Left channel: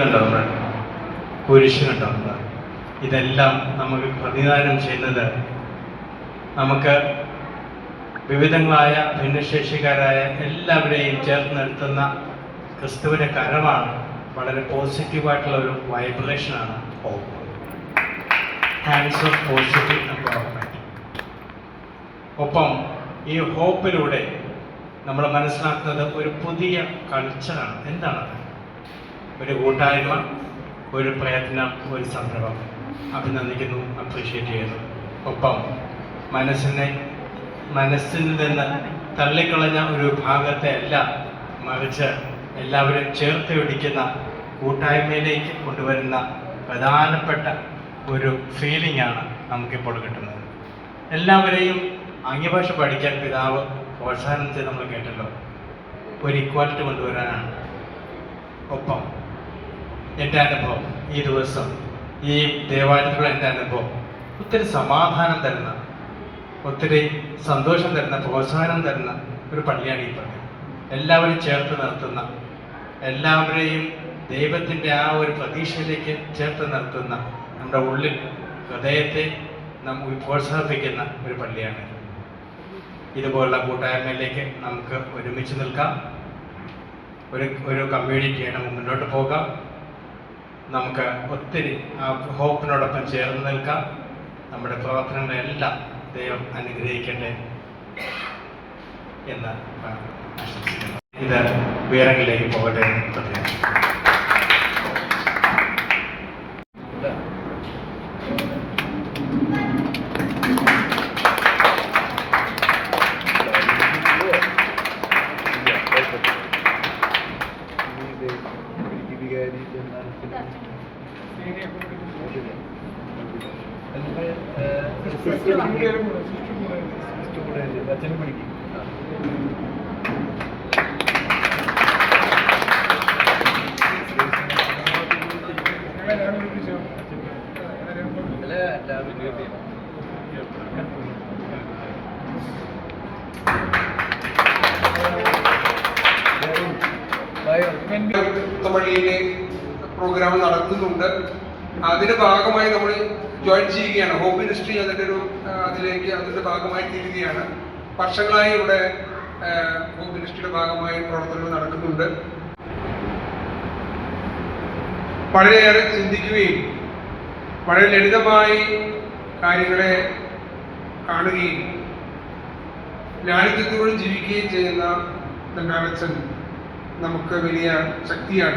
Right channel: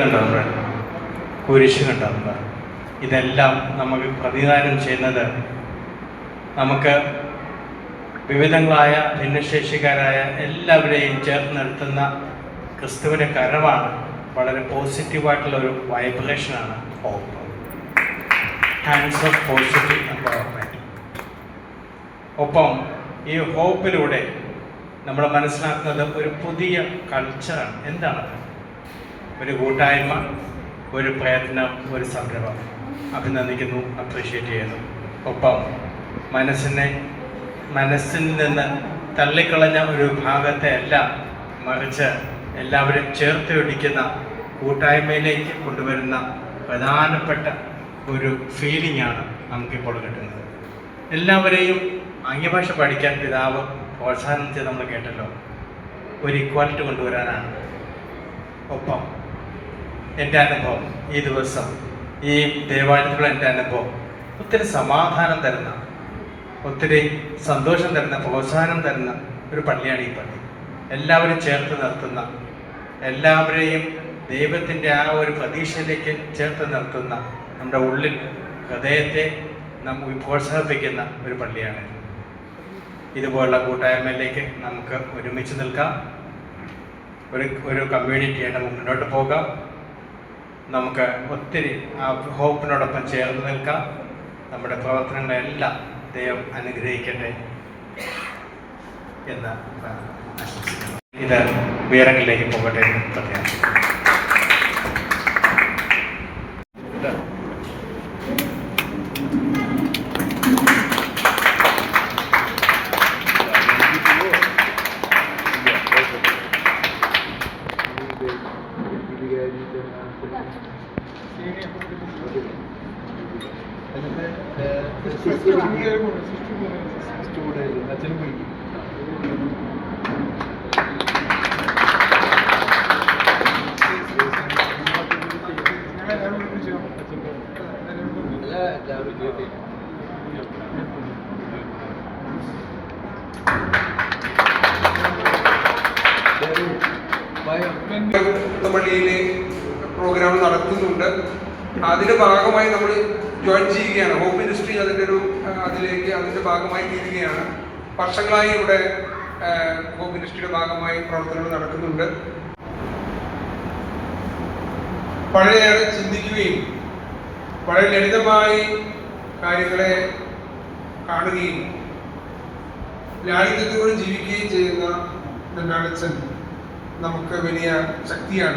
കണ്ടവർ, കുരിശ് കണ്ടവർ, ഇതെല്ലാം നമുക്ക് പ്രതിദാനം ചെയ്യുന്നത് നമുക്ക് വിവിധങ്ങളായ ഭിന്നശേഷിക്കാരായ എല്ലാവരെയും ചേർത്ത് നിർത്തുന്ന ക്രിസ്തുവിൻ്റെ കരമാണ്. വളരെ പോസിറ്റീവായിട്ടുള്ള ഒരു വൈബ്രേഷനാണ് hope. Hands of positive empowerment. ഒപ്പം ഈ ഹോപ്പിലൂടെ നമ്മൾ മനസ്സിലാക്കുന്നത് ഒരു പുതിയ കൾച്ചറാണ്. എന്താണത്? ഒരു കൂട്ടായ്മ, ഒരു പ്രയത്നം, ഒരു സംരംഭം. അഭിനന്ദിക്കുന്നു, അപ്രീഷിയേറ്റ് ചെയ്യുന്നു. ഒപ്പം മനസ്സിൽ നിന്ന് തള്ളിക്കളഞ്ഞ ഒരു ഭാഗത്തെ അല്ല, മറിച്ച് എല്ലാവരും ചേർത്ത് പിടിക്കുന്ന കൂട്ടായ്മയിലേക്ക് കൊണ്ടുവരുന്ന പ്രധാനപ്പെട്ട ഒരു ഫീലിംഗാണ് നമുക്കിപ്പോൾ കിട്ടുന്നത്. എല്ലാവരെയും ആംഗ്യഭാഷ പഠിക്കാൻ പിതാവ് പ്രോത്സാഹനം ചെയ്ത് നമ്മൾ കേട്ടല്ലോ. ഒരു ഇക്വാലിറ്റി കൊണ്ടുവരാനാണ്. ഒപ്പം എൻ്റെ അനുഭവം ഈ ദിവസം, ഈ ദേവാലയത്തിലുള്ള എൻ്റെ അനുഭവം ഒത്തിരി സമാധാനം തരുന്ന, ഒത്തിരി സന്തോഷം തരുന്ന, പ്രോത്സാഹനം തരുന്ന ഒരു പള്ളിയാണ് ഈ പള്ളി. എല്ലാവരും ചേർത്ത് നിർത്തുന്ന, എല്ലാവരെയും ദൈവത്തിൻ്റെ ആ ഒരു പ്രതീക്ഷയിലേക്ക് ചേർത്ത് നിർത്തുന്ന, നമ്മുടെ ഉള്ളിൽ ഹൃദയത്തെ നമുക്ക് പ്രോത്സാഹിപ്പിക്കുന്ന ഒരു പള്ളിയാണ്. ഇതുപോലുള്ള കൂട്ടായ്മയിലേക്ക് നമുക്ക് ഒരുമിച്ച് നിൽക്കാം. ഒരു കമ്മ്യൂണിറ്റിയായിട്ട് നമുക്ക് മുന്നോട്ട് പോകാം. നമുക്ക് ഒത്തിരി ആ ഹോപ്പിനോടൊപ്പം ചേർന്ന് നിൽക്കാം. നമ്മുടെ പ്രവർത്തനങ്ങളെല്ലാം ദൈവം അനുഗ്രഹിക്കട്ടെ എന്ന് ആശംസിക്കുന്നു. ഇത് ഉയരങ്ങളിലേക്ക് പോകട്ടെ എന്ന് പ്രത്യേകം. പള്ളിയിലെ പ്രോഗ്രാം നടത്തുന്നുണ്ട്. അതിന്റെ ഭാഗമായി നമ്മൾ ജോയിൻ ചെയ്യുകയാണ്. ഹോപ്പ് മിനിസ്ട്രി അതിന്റെ ഭാഗമായി തീരുകയാണ്. വർഷങ്ങളായി ഇവിടെ ഹോപ്പ് മിനിസ്ട്രിയുടെ ഭാഗമായി പ്രവർത്തനങ്ങൾ നടക്കുന്നുണ്ട്. വളരെയേറെ ചിന്തിക്കുകയും വളരെ ലളിതമായി കാര്യങ്ങളെ കാണുകയും ലാളിത്യത്തോടെ ജീവിക്കുകയും ചെയ്യുന്ന നെന്നാളച്ചൻ നമുക്ക് വലിയ ശക്തിയാണ്.